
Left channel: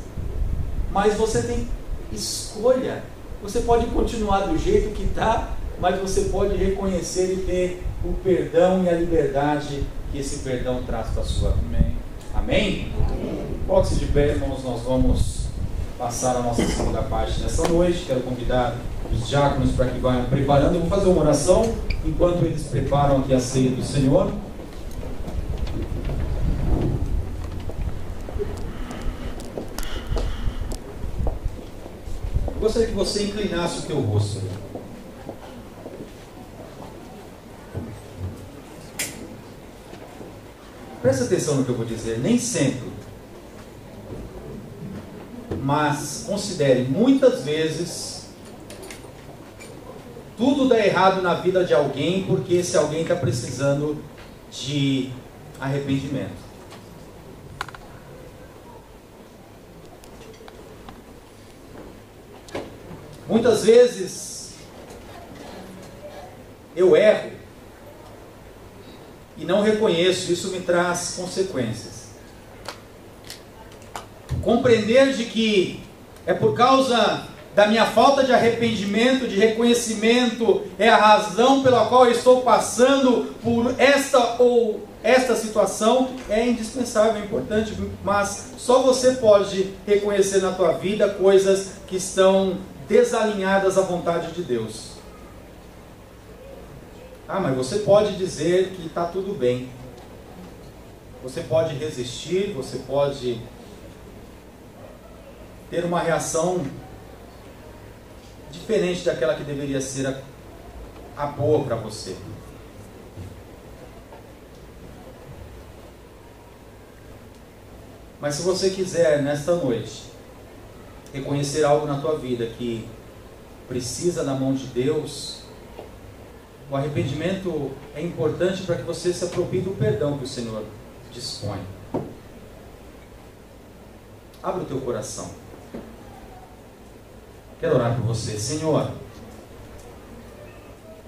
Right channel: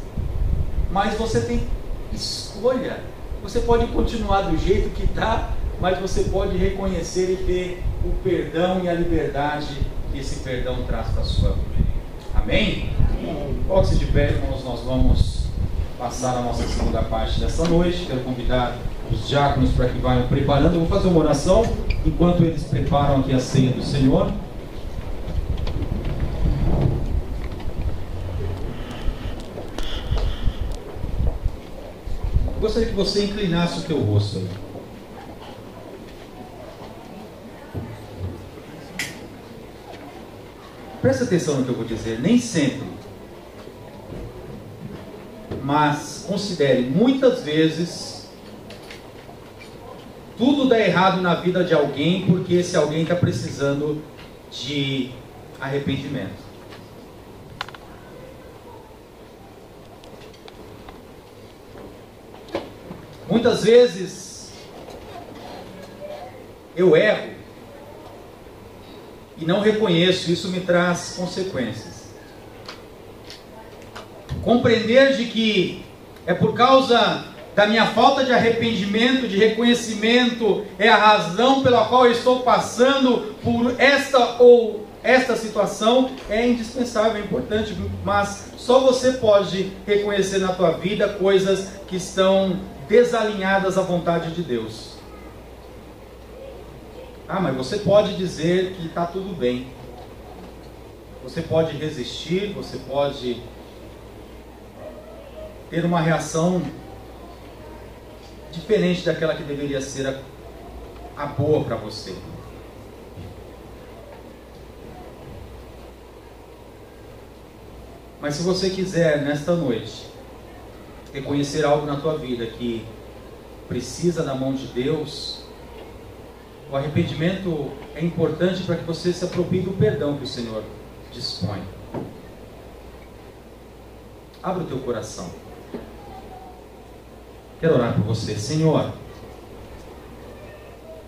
mas você tem escolha. Você pode continuar do jeito que está, mas você pode reconhecer e ter o perdão e a liberdade que esse perdão traz para a sua vida. Amém? Coloque-se de pé, irmãos, nós vamos passar a nossa segunda parte dessa noite. Quero convidar os diáconos para que vayam preparando. Eu vou fazer uma oração enquanto eles preparam aqui a ceia do Senhor. Eu gostaria que você inclinasse o teu rosto aí. Presta atenção no que eu vou dizer. Nem sempre, mas considere, muitas vezes tudo dá errado na vida de alguém porque esse alguém está precisando de arrependimento. Muitas vezes eu erro e não reconheço, isso me traz consequências. Compreender de que é por causa da minha falta de arrependimento, de reconhecimento, é a razão pela qual eu estou passando por esta ou esta situação, é indispensável, é importante, mas só você pode reconhecer na tua vida coisas que estão desalinhadas à vontade de Deus. Ah, mas você pode dizer que está tudo bem. Você pode resistir, você pode ter uma reação diferente daquela que deveria ser a boa para você. Mas se você quiser, nesta noite, reconhecer algo na tua vida que precisa da mão de Deus, o arrependimento é importante para que você se aproprie do perdão que o Senhor dispõe. Abra o teu coração. Quero orar por você. Senhor,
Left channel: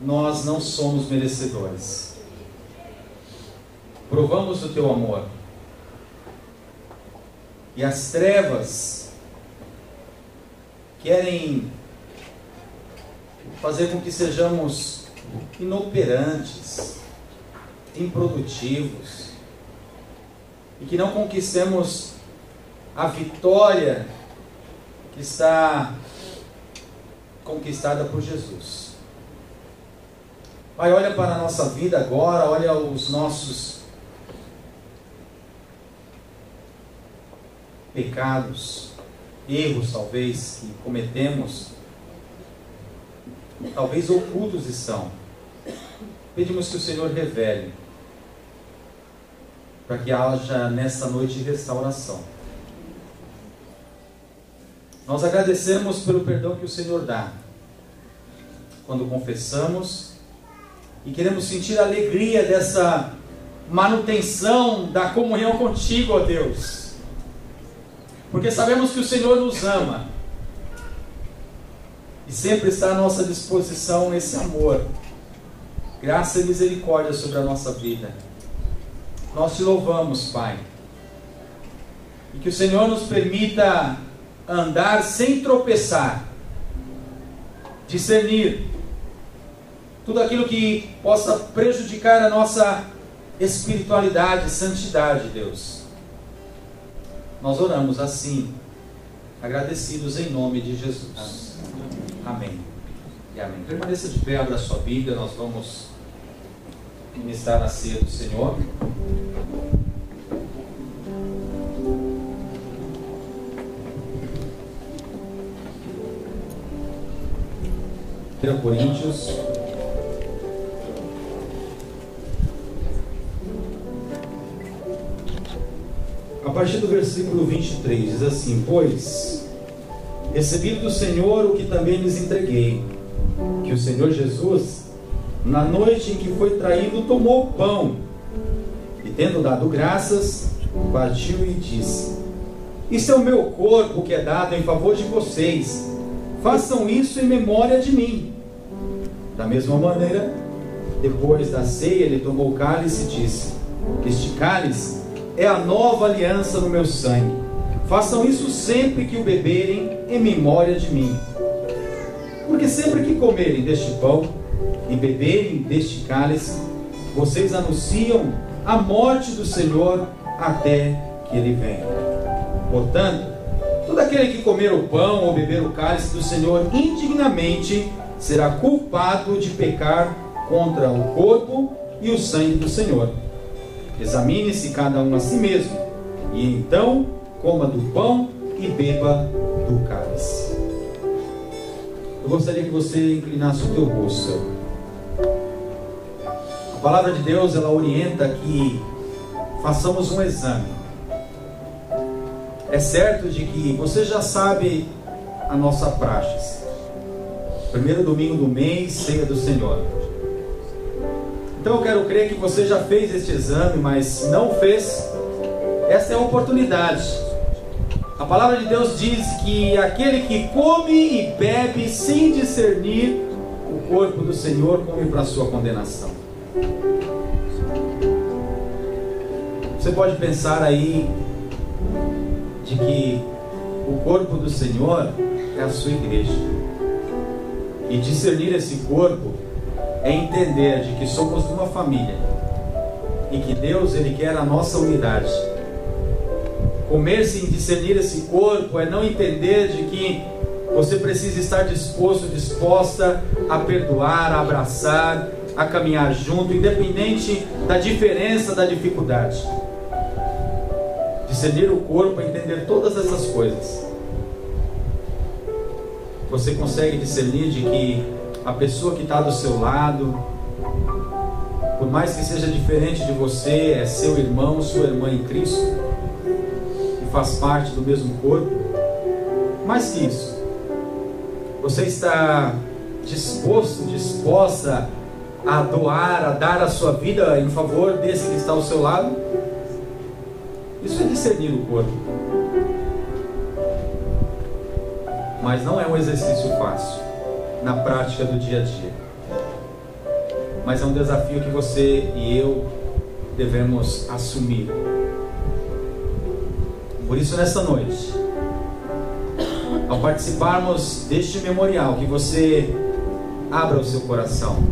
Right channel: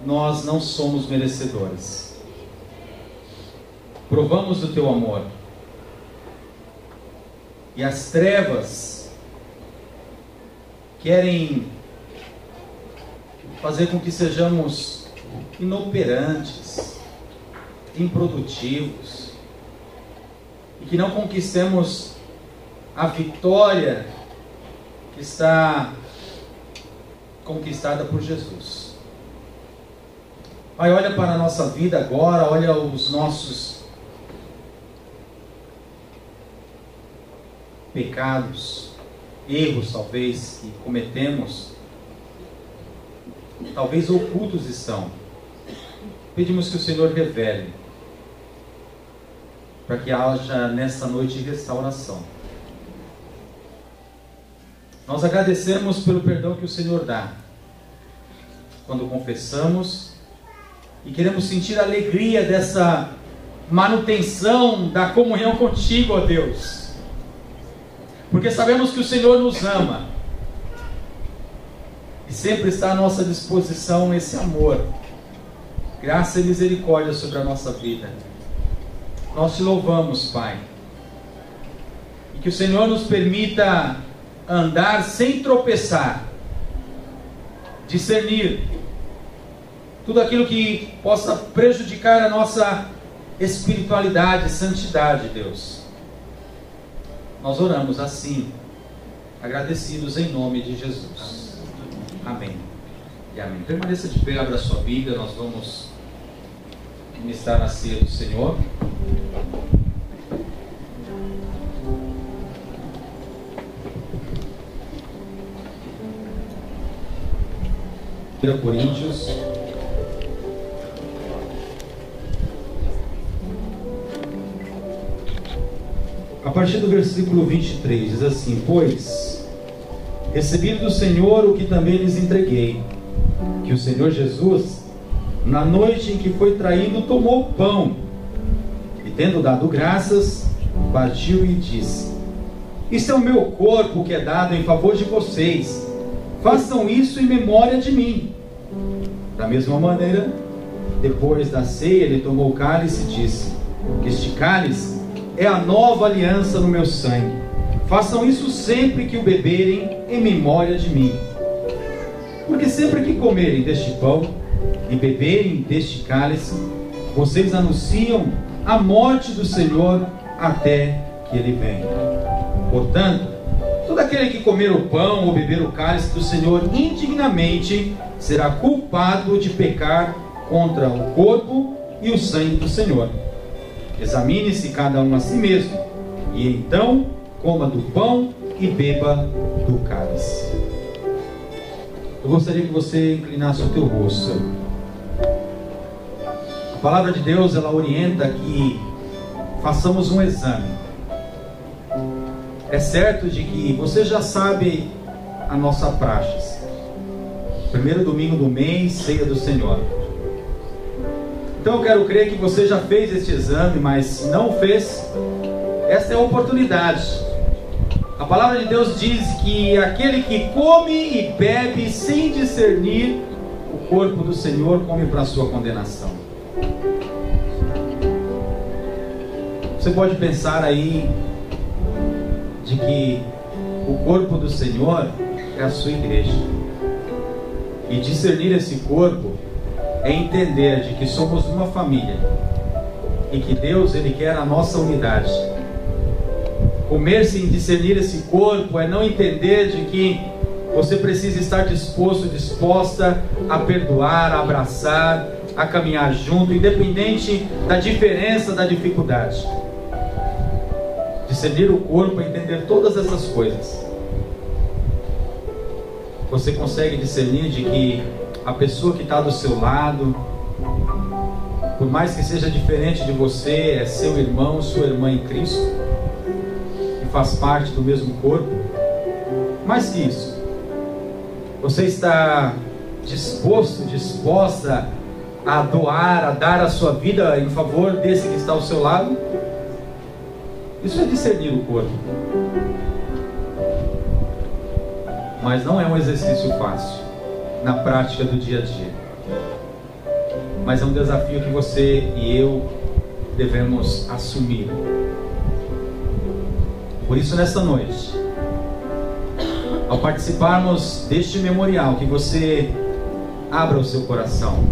nós não somos merecedores. Provamos do teu amor. E as trevas querem fazer com que sejamos inoperantes, improdutivos, e que não conquistemos a vitória que está conquistada por Jesus. Pai, olha para a nossa vida agora, olha os nossos pecados, erros talvez que cometemos, talvez ocultos estão. Pedimos que o Senhor revele, para que haja nessa noite restauração. Nós agradecemos pelo perdão que o Senhor dá, quando confessamos, e queremos sentir a alegria dessa manutenção da comunhão contigo, ó Deus. Porque sabemos que o Senhor nos ama, e sempre está à nossa disposição esse amor, graça e misericórdia sobre a nossa vida. Nós te louvamos, Pai, e que o Senhor nos permita andar sem tropeçar, discernir tudo aquilo que possa prejudicar a nossa espiritualidade, santidade, Deus. Nós oramos assim, agradecidos em nome de Jesus. Amém e amém. Permaneça de pé, abra sua Bíblia, nós vamos ministrar a ceia do Senhor. Coríntios, a partir do versículo 23, diz assim: pois recebi do Senhor o que também lhes entreguei, que o Senhor Jesus, na noite em que foi traído, tomou o pão, e tendo dado graças, partiu e disse: isso é o meu corpo que é dado em favor de vocês, façam isso em memória de mim. Da mesma maneira, depois da ceia, ele tomou o cálice e disse: este cálice é a nova aliança no meu sangue. Façam isso sempre que o beberem em memória de mim. Porque sempre que comerem deste pão e beberem deste cálice, vocês anunciam a morte do Senhor até que ele venha. Portanto, todo aquele que comer o pão ou beber o cálice do Senhor indignamente será culpado de pecar contra o corpo e o sangue do Senhor. Examine-se cada um a si mesmo, e então coma do pão e beba do cálice. Eu gostaria que você inclinasse o teu rosto. A palavra de Deus, ela orienta que façamos um exame. É certo de que você já sabe a nossa praxe. Primeiro domingo do mês, ceia do Senhor. Então eu quero crer que você já fez este exame, mas se não fez, essa é a oportunidade. A palavra de Deus diz que aquele que come e bebe sem discernir o corpo do Senhor como para a sua condenação. Você pode pensar aí de que o corpo do Senhor é a sua igreja. E discernir esse corpo é entender de que somos uma família e que Deus, Ele quer a nossa unidade. Comer-se em discernir esse corpo é não entender de que você precisa estar disposto, disposta a perdoar, a abraçar, a caminhar junto, independente da diferença, da dificuldade. Discernir o corpo é entender todas essas coisas. Você consegue discernir de que a pessoa que está do seu lado, por mais que seja diferente de você, é seu irmão, sua irmã em Cristo, e faz parte do mesmo corpo. Mais que isso, você está disposto, disposta a doar, a dar a sua vida em favor desse que está ao seu lado? Isso é discernir o corpo. Mas não é um exercício fácil na prática do dia a dia. Mas é um desafio que você e eu devemos assumir. Por isso, nessa noite, ao participarmos deste memorial, que você abra o seu coração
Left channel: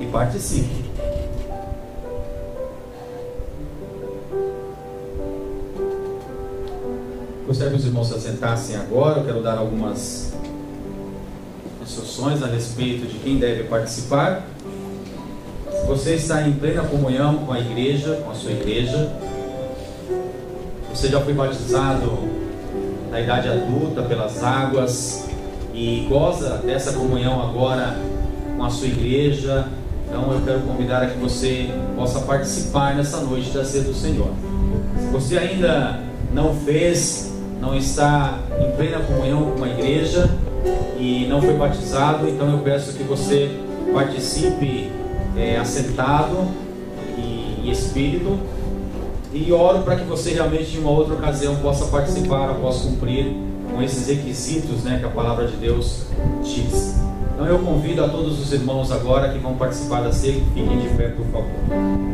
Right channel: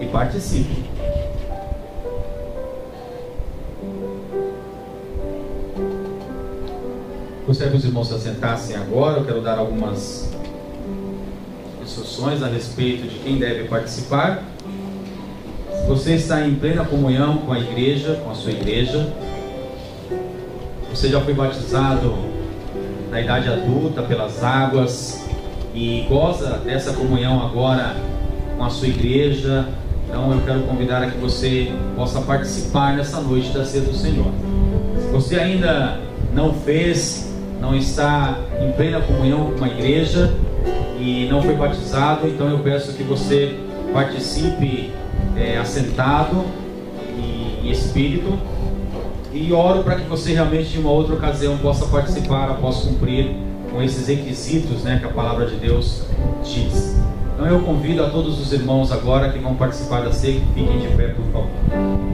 e participe. Gostaria que os irmãos se assentassem agora. Eu quero dar algumas instruções a respeito de quem deve participar. Se você está em plena comunhão com a igreja, com a sua igreja, você já foi batizado na idade adulta pelas águas e goza dessa comunhão agora com a sua igreja, então eu quero convidar a que você possa participar nessa noite da ceia do Senhor. Se você ainda não fez, não está em plena comunhão com a igreja e não foi batizado, então eu peço que você participe assentado e espírito, e oro para que você realmente em uma outra ocasião possa participar após cumprir com esses requisitos, que a palavra de Deus diz. Então eu convido a todos os irmãos agora que vão participar da ceia, que fiquem de pé, por favor.